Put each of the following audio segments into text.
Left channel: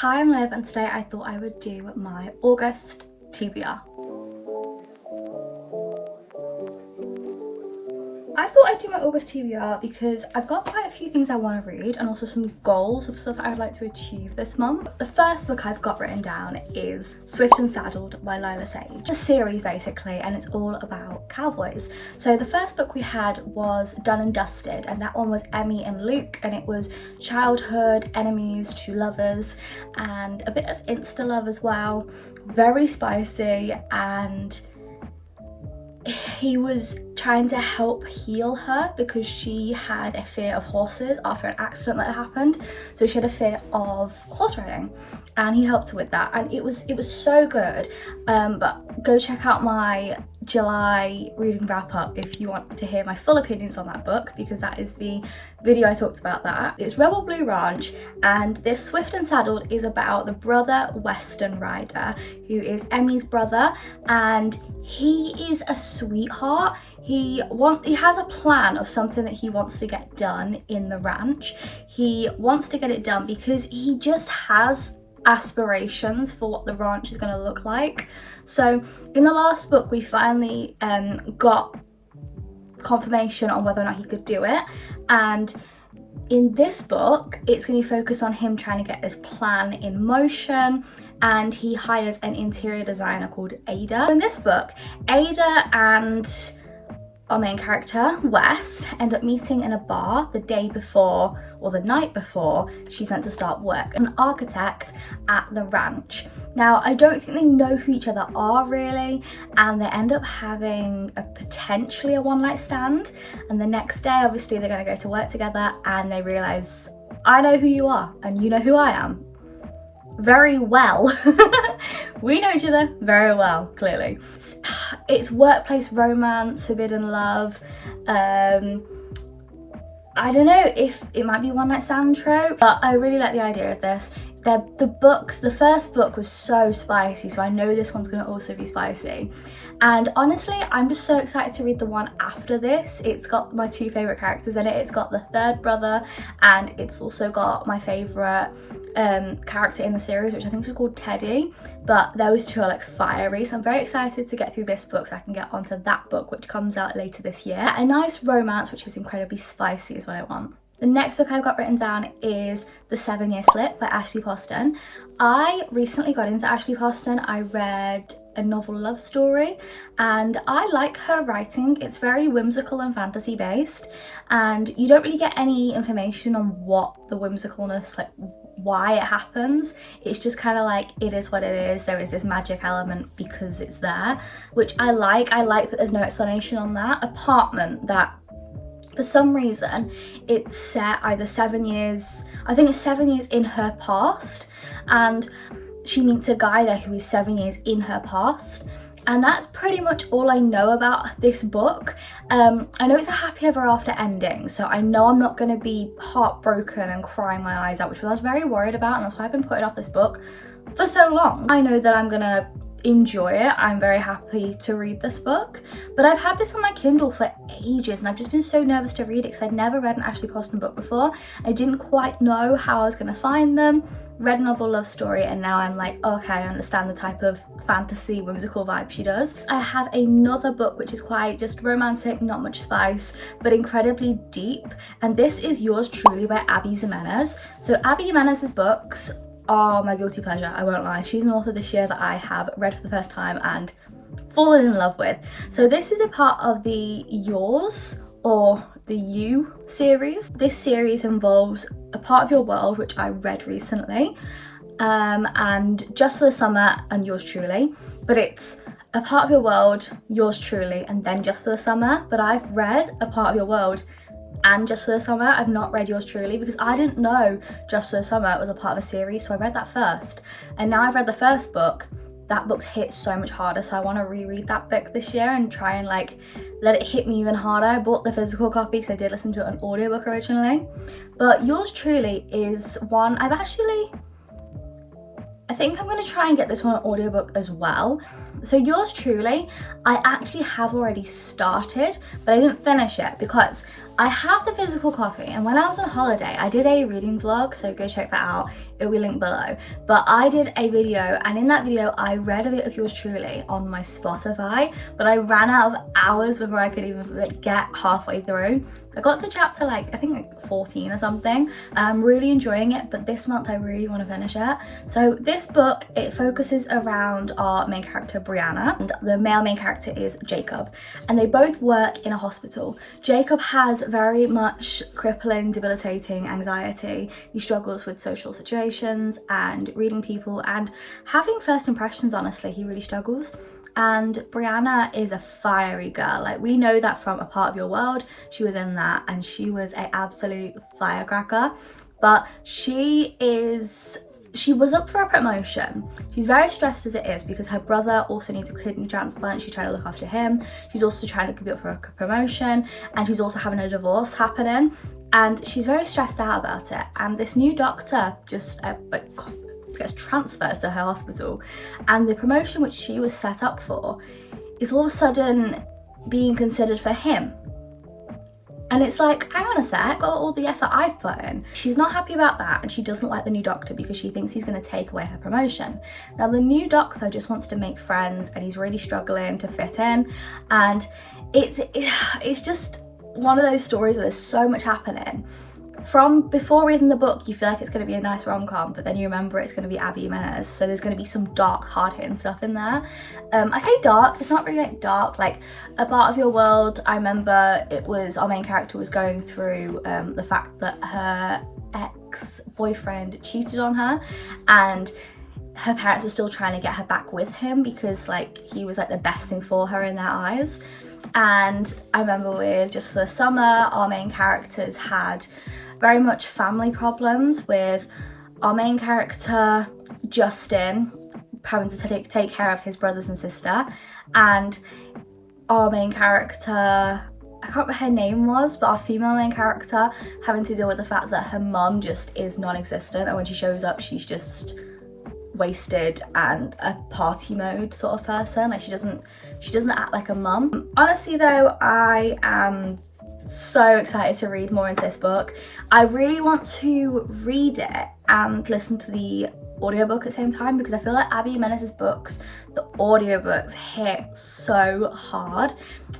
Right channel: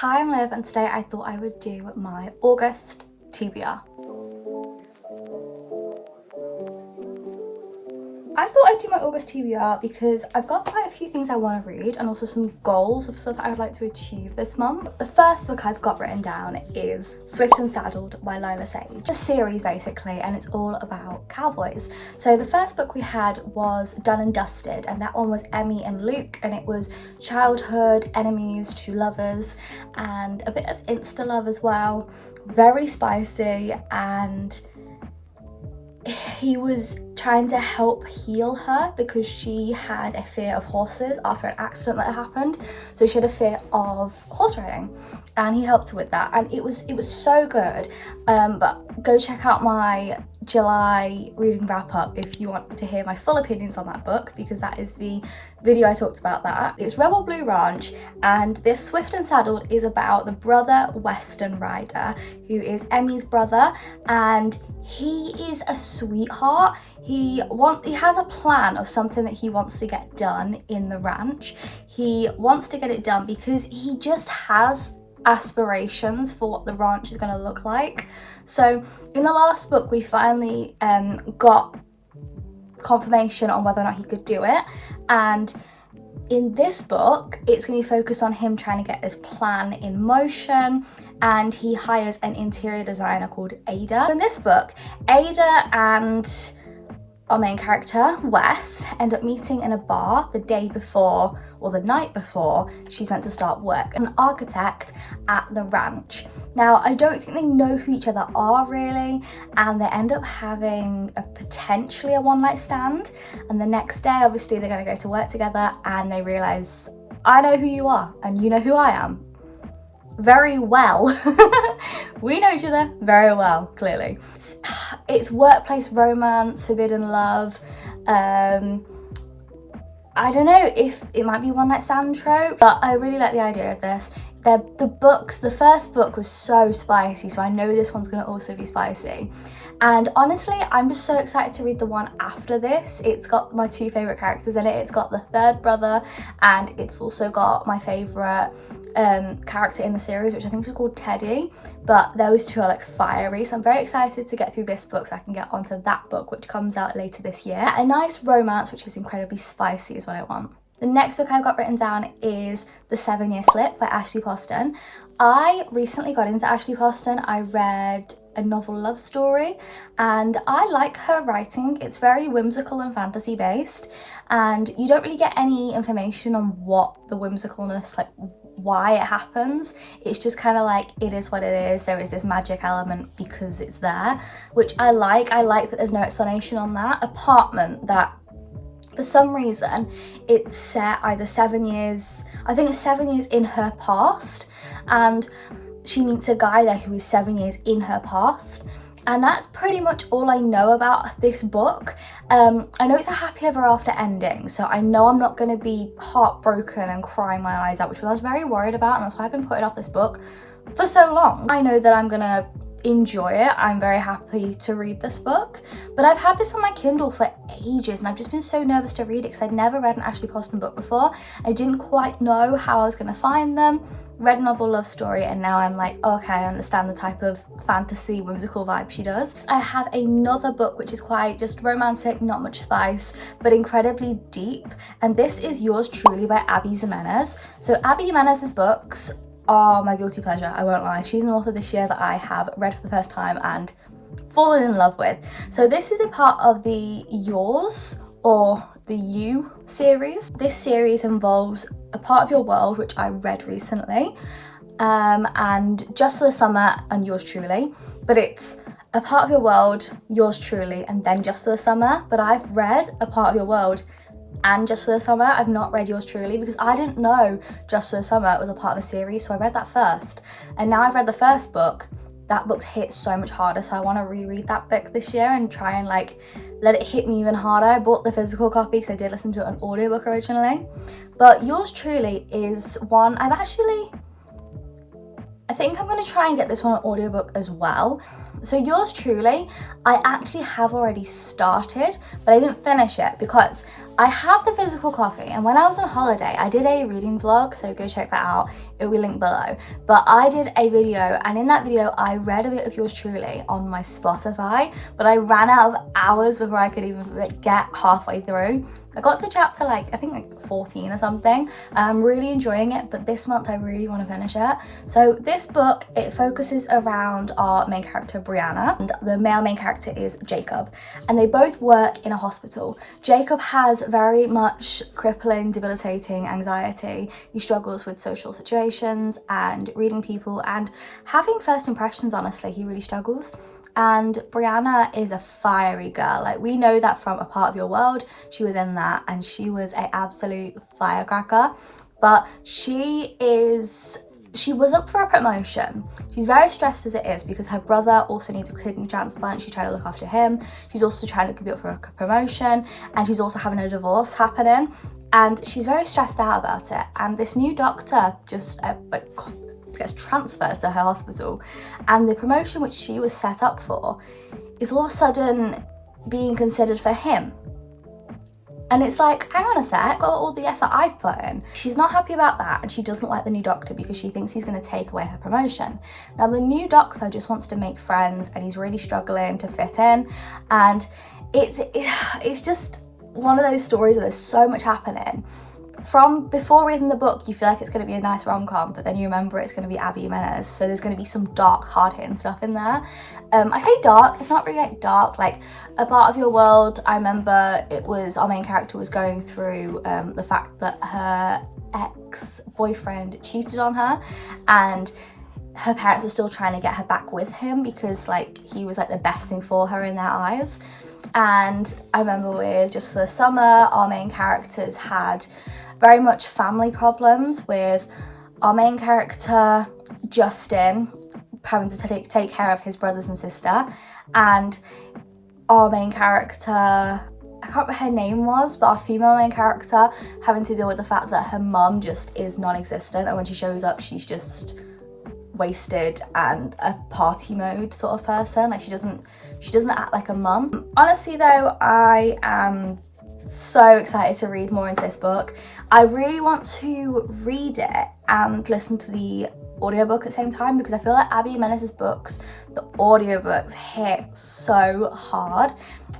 Hi, I'm Liv, and today I thought I would do my August TBR. I thought I'd do my August TBR because I've got quite a few things I want to read and also some goals of stuff I would like to achieve this month. The first book I've got written down is Swift and Saddled by Lila Sage. It's a series basically, and it's all about cowboys. So the first book we had was Done and Dusted, and that one was Emmy and Luke, and it was childhood enemies to lovers and a bit of insta love as well. Very spicy, and he was trying to help heal her because she had a fear of horses after an accident that happened. So she had a fear of horse riding, and he helped her with that, and it was so good. But go check out my July reading wrap up if you want to hear my full opinions on that book, because that is the video I talked about that. It's Rebel Blue Ranch, and this Swift and Saddled is about the brother Western rider who is Emmy's brother, and he is a sweetheart. He has a plan of something that he wants to get done in the ranch. He wants to get it done because he just has aspirations for what the ranch is going to look like. So in the last book we finally got confirmation on whether or not he could do it, and in this book it's going to focus on him trying to get this plan in motion, and he hires an interior designer called Ada. In this book, Ada and our main character, West, end up meeting in a bar the day before or the night before she's meant to start work. An architect at the ranch. Now, I don't think they know who each other are really, and they end up having potentially a one-night stand, and the next day obviously they're going to go to work together, and they realise, I know who you are and you know who I am. Very well. We know each other very well, clearly. It's workplace romance, forbidden love. I don't know if it might be one night stand trope, but I really like the idea of this. The first book was so spicy, so I know this one's going to also be spicy. And honestly, I'm just so excited to read the one after this. It's got my two favourite characters in it. It's got the third brother, and it's also got my favourite character in the series, which I think is called Teddy. But those two are like fiery, so I'm very excited to get through this book so I can get onto that book, which comes out later this year. A nice romance which is incredibly spicy is what I want. The next book I've got written down is The 7-Year Slip by Ashley Poston. I recently got into Ashley Poston. I read a novel love story, and I like her writing. It's very whimsical and fantasy based, and you don't really get any information on what the whimsicalness, like why it happens. It's just kind of like, it is what it is. There is this magic element because it's there, which I like. I like that there's no explanation on that. Apartment, that for some reason it's set either 7 years, I think it's 7 years in her past, and she meets a guy there who is 7 years in her past, and that's pretty much all I know about this book. I know it's a happy ever after ending, so I know I'm not going to be heartbroken and crying my eyes out, which I was very worried about, and that's why I've been putting off this book for so long. I know that I'm gonna enjoy it. I'm very happy to read this book, but I've had this on my Kindle for ages, and I've just been so nervous to read it because I'd never read an Ashley Poston book before. I didn't quite know how I was going to find them. Read a novel love story, and now I'm like, okay, I understand the type of fantasy whimsical vibe she does. I have another book which is quite just romantic, not much spice, but incredibly deep, and this is Yours Truly by Abby Jimenez. So Abby Jimenez's books are my guilty pleasure, I won't lie. She's an author this year that I have read for the first time and fallen in love with. So this is a part of the Yours or the You series. This series involves A Part of Your World, which I read recently, and Just for the Summer and Yours Truly. But it's A Part of Your World, Yours Truly, and then Just for the Summer. But I've read A Part of Your World and Just for the Summer. I've not read Yours Truly because I didn't know Just for the Summer was a part of a series, so I read that first. And now I've read the first book, that book's hit so much harder, so I want to reread that book this year and try and like let it hit me even harder. I bought the physical copy because I did listen to it on audiobook originally. But Yours Truly is one I think I'm going to try and get this one on audiobook as well. So Yours Truly, I actually have already started, but I didn't finish it because I have the physical copy, and when I was on holiday I did a reading vlog, so go check that out, it will be linked below. But I did a video, and in that video I read a bit of yours truly on my Spotify, but I ran out of hours before I could even like get halfway through. I got to chapter like, I think like 14 or something, and I'm really enjoying it, but this month I really want to finish it. So this book, it focuses around our main character Brianna, and the male main character is Jacob, and they both work in a hospital. Jacob has very much crippling, debilitating anxiety. He struggles with social situations and reading people and having first impressions, honestly, he really struggles. And Brianna is a fiery girl. Like, we know that from A Part of Your World. She was in that and she was an absolute firecracker. But she was up for a promotion. She's very stressed as it is because her brother also needs a kidney transplant. She's trying to look after him. She's also trying to be up for a promotion, and she's also having a divorce happening. And she's very stressed out about it. And this new doctor just gets transferred to her hospital, and the promotion which she was set up for is all of a sudden being considered for him. And it's like, hang on a sec, all the effort I've put in. She's not happy about that, and she doesn't like the new doctor because she thinks he's going to take away her promotion. Now the new doctor just wants to make friends, and he's really struggling to fit in, and it's just one of those stories where there's so much happening. From before reading the book, you feel like it's going to be a nice rom-com, but then you remember it's going to be Abby Jimenez, so there's going to be some dark, hard-hitting stuff in there. I say dark, it's not really like dark. Like A Part of Your World, I remember it was, our main character was going through the fact that her ex-boyfriend cheated on her, and her parents were still trying to get her back with him because like he was like the best thing for her in their eyes. And I remember with Just for the Summer, our main characters had very much family problems, with our main character Justin having to take care of his brothers and sister, and our main character, I can't remember what her name was, but our female main character having to deal with the fact that her mum just is non-existent, and when she shows up she's just wasted and a party mode sort of person. Like she doesn't act like a mum. Honestly though, I am so excited to read more into this book. I really want to read it and listen to the audiobook at the same time, because I feel like Abby Jimenez's books, the audiobooks hit so hard,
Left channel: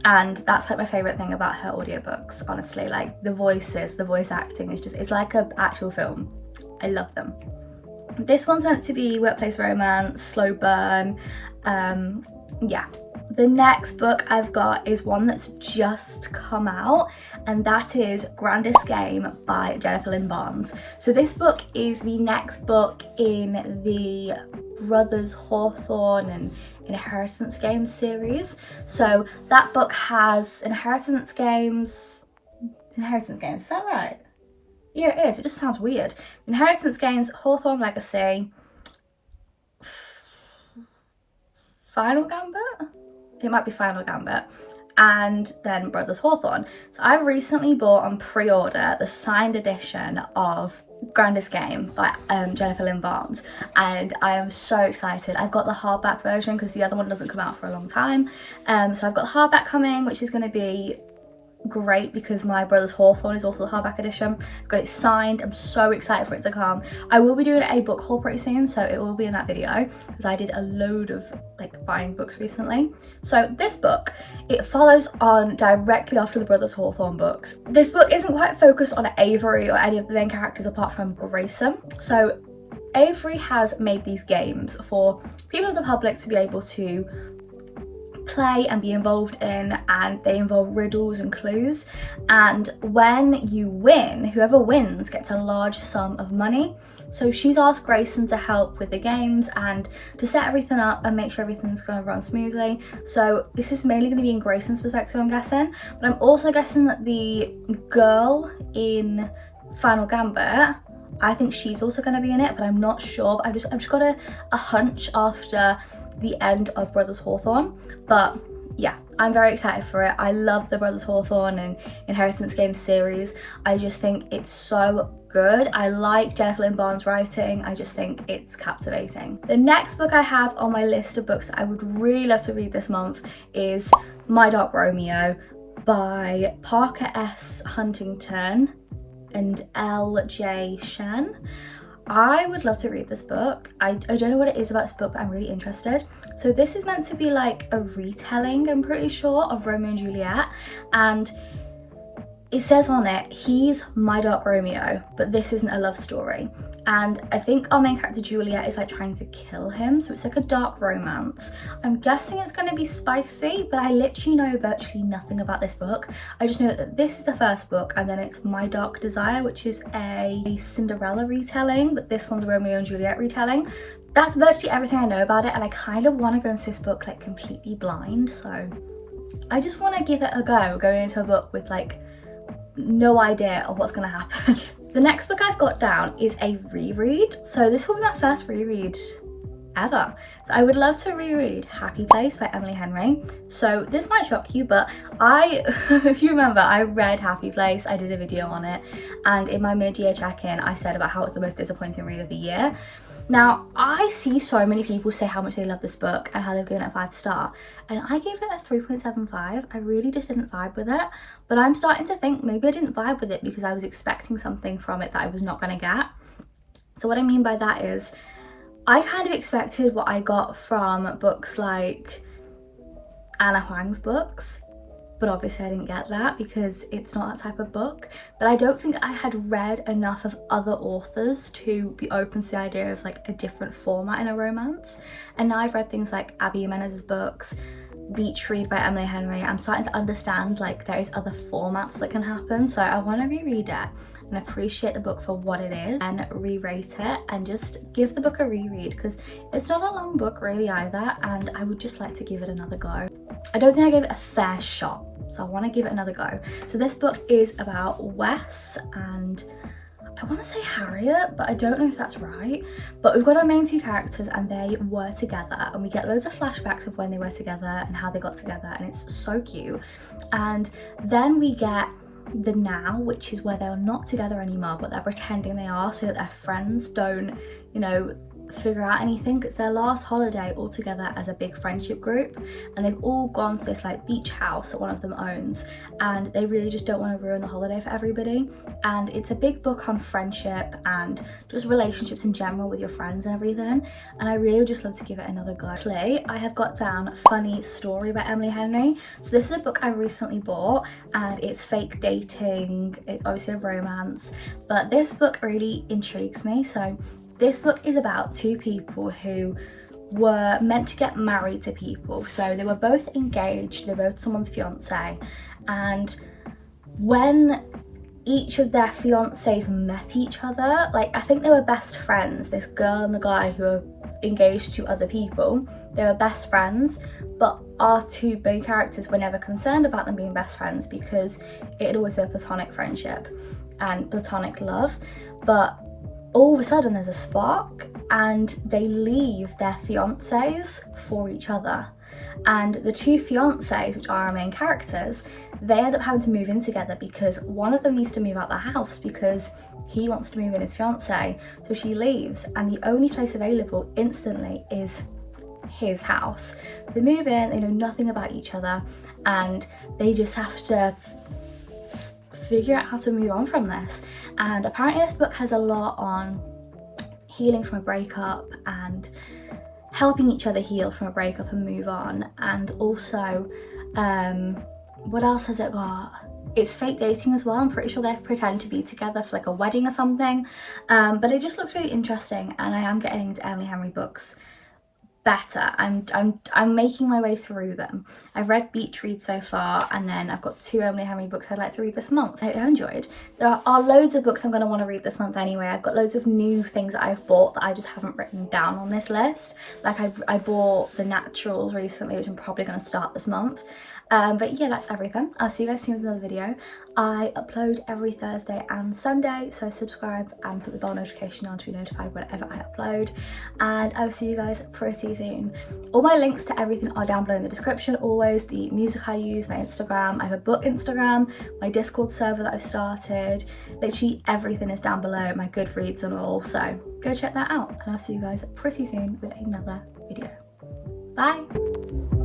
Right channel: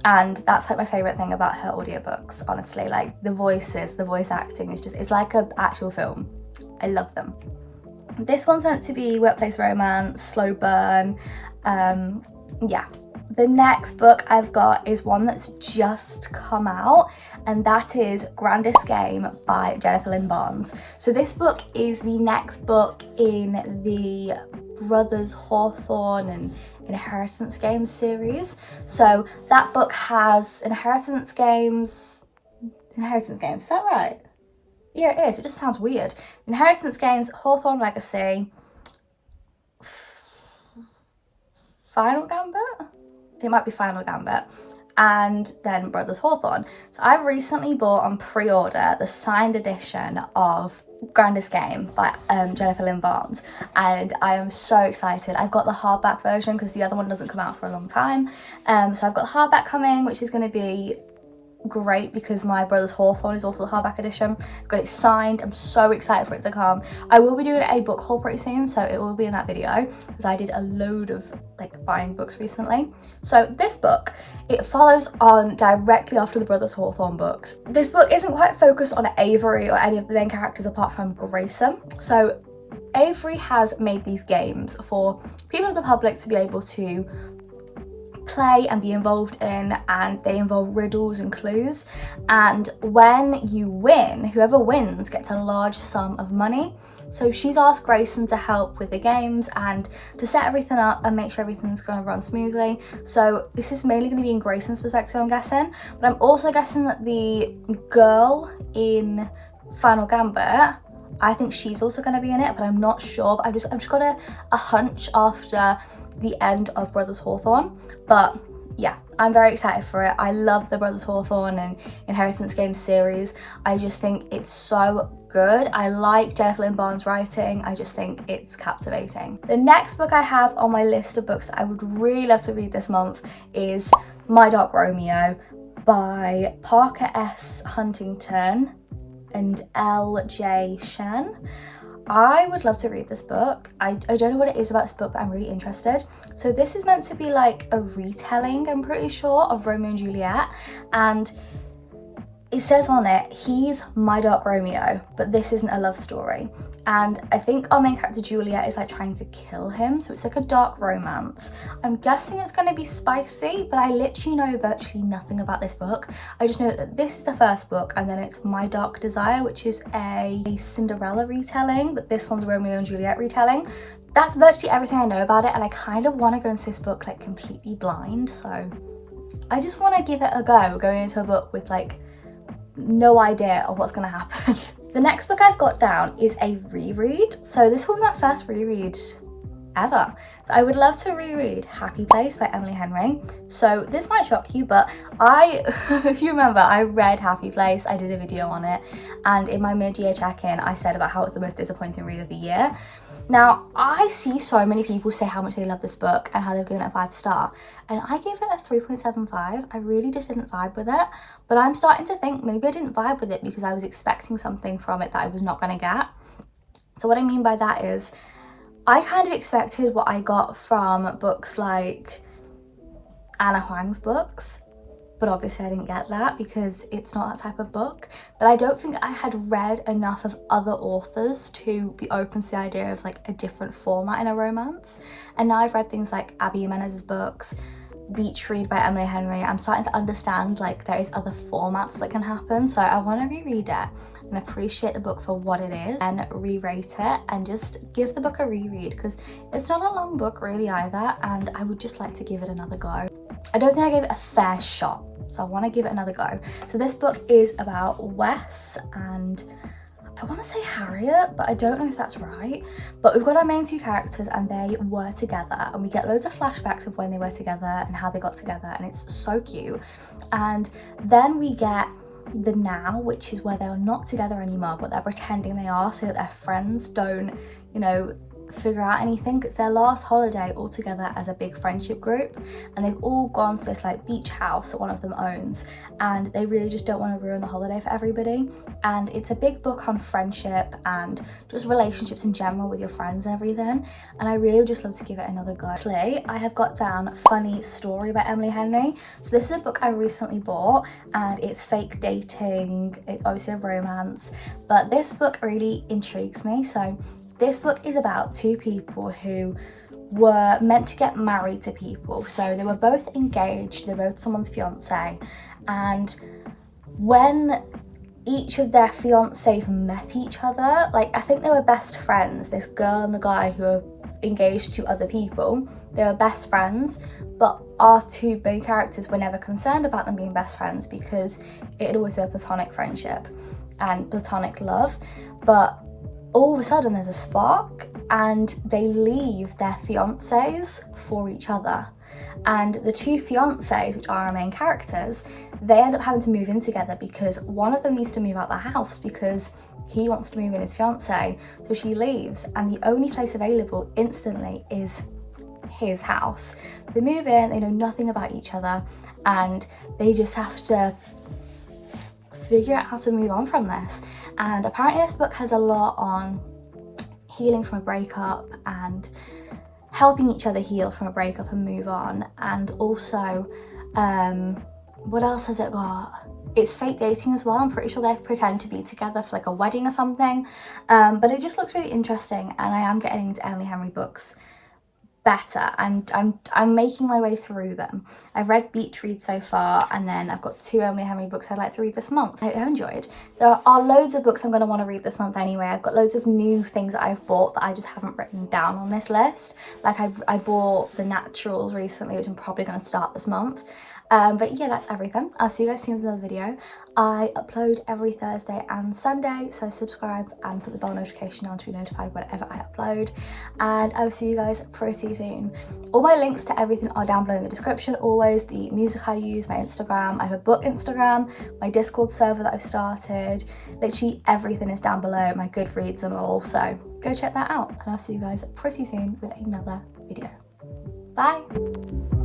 and that's like my favorite thing about her audiobooks, honestly. Like the voices, the voice acting is just, it's like an actual film. I love them. This one's meant to be workplace romance, slow burn. Yeah. The next book I've got is one that's just come out, and that is Grandest Game by Jennifer Lynn Barnes. So this book is the next book in the Brothers Hawthorne and Inheritance Games series. So that book has Inheritance Games, is that right? Yeah, it is. It just sounds weird. Inheritance Games, Hawthorne Legacy, Final Gambit? It might be Final Gambit, and then Brothers Hawthorne. So I recently bought on pre-order the signed edition of Grandest Game by Jennifer Lynn Barnes, and I am so excited. I've got the hardback version because the other one doesn't come out for a long time. So I've got the hardback coming, which is going to be great because my Brothers Hawthorne is also the hardback edition. I've got it signed. I'm so excited for it to come. I will be doing a book haul pretty soon, so it will be in that video because I did a load of like buying books recently. So this book, it follows on directly after the Brothers Hawthorne books. This book isn't quite focused on Avery or any of the main characters apart from Grayson. So Avery has made these games for people of the public to be able to play and be involved in, and they involve riddles and clues, and when you win, whoever wins gets a large sum of money. So she's asked Grayson to help with the games and to set everything up and make sure everything's going to run smoothly. So this is mainly going to be in Grayson's perspective, I'm guessing, but I'm also guessing that the girl in Final Gambit, I think she's also going to be in it, but I'm not sure. But I've just got a hunch after the end of Brothers Hawthorne. But yeah, I'm very excited for it. I love the Brothers Hawthorne and Inheritance Games series. I just think it's so good. I like Jennifer Lynn Barnes' writing. I just think it's captivating. The next book I have on my list of books that I would really love to read this month is My Dark Romeo by Parker S. Huntington and L.J. Shen. I would love to read this book. I don't know what it is about this book, but I'm really interested. So this is meant to be like a retelling, I'm pretty sure, of Romeo and Juliet, and it says on it, he's my dark Romeo, but this isn't a love story. And I think our main character Juliet is like trying to kill him, so it's like a dark romance. I'm guessing it's going to be spicy, but I literally know virtually nothing about this book. I just know that this is the first book, and then it's My Dark Desire, which is a Cinderella retelling, but this one's Romeo and Juliet retelling. That's virtually everything I know about it, and I kind of want to go into this book like completely blind, so I just want to give it a go, going into a book with like no idea of what's going to happen. The next book I've got down is a reread. So this will be my first reread ever. So I would love to reread Happy Place by Emily Henry. So this might shock you, but if you remember, I read Happy Place, I did a video on it, and in my mid-year check-in, I said about how it's the most disappointing read of the year. Now, I see so many people say how much they love this book and how they've given it a 5-star, and I gave it a 3.75. I really just didn't vibe with it, but I'm starting to think maybe I didn't vibe with it because I was expecting something from it that I was not going to get. So what I mean by that is, I kind of expected what I got from books like Anna Huang's books, but obviously I didn't get that because it's not that type of book. But I don't think I had read enough of other authors to be open to the idea of like a different format in a romance. And now I've read things like Abby Jimenez's books, Beach Read by Emily Henry. I'm starting to understand like there is other formats that can happen. So I want to reread it and appreciate the book for what it is and re-rate it and just give the book a reread, because it's not a long book really either, and I would just like to give it another go. I don't think I gave it a fair shot, so I want to give it another go. So this book is about Wes and I want to say Harriet, but I don't know if that's right. But we've got our main two characters and they were together, and we get loads of flashbacks of when they were together and how they got together, and it's so cute. And then we get the now, which is where they're not together anymore, but they're pretending they are so that their friends don't, you know, figure out anything. It's their last holiday all together as a big friendship group, and they've all gone to this like beach house that one of them owns, and they really just don't want to ruin the holiday for everybody. And it's a big book on friendship and just relationships in general with your friends and everything, and I really would just love to give it another go. Actually, I have got down Funny Story by Emily Henry. So this is a book I recently bought, and it's fake dating, it's obviously a romance, but this book really intrigues me. So this book is about two people who were meant to get married to people. So they were both engaged, they're both someone's fiance, and when each of their fiancés met each other, like I think they were best friends, this girl and the guy who are engaged to other people, they were best friends, but our two main characters were never concerned about them being best friends because it had always been a platonic friendship and platonic love. But all of a sudden there's a spark and they leave their fiancés for each other. And the two fiancés, which are our main characters, they end up having to move in together because one of them needs to move out the house because he wants to move in his fiancée. So she leaves, and the only place available instantly is his house. They move in, they know nothing about each other, and they just have to figure out how to move on from this. And apparently this book has a lot on healing from a breakup and helping each other heal from a breakup and move on. And also, what else has it got? It's fake dating as well. I'm pretty sure they pretend to be together for like a wedding or something. But it just looks really interesting, and I am getting into Emily Henry books better. I'm making my way through them. I've read Beach Read so far, and then I've got 2 Emily Henry books I'd like to read this month. I enjoyed. There are loads of books I'm going to want to read this month anyway. I've got loads of new things that I've bought that I just haven't written down on this list. Like I bought The Naturals recently, which I'm probably going to start this month. But yeah, that's everything. I'll see you guys soon with another video. I upload every Thursday and Sunday, so subscribe and put the bell notification on to be notified whenever I upload, and I will see you guys pretty soon. All my links to everything are down below in the description, always. The music I use, my Instagram, I have a book Instagram, my Discord server that I've started, literally everything is down below, my Goodreads and all, so go check that out, and I'll see you guys pretty soon with another video. Bye!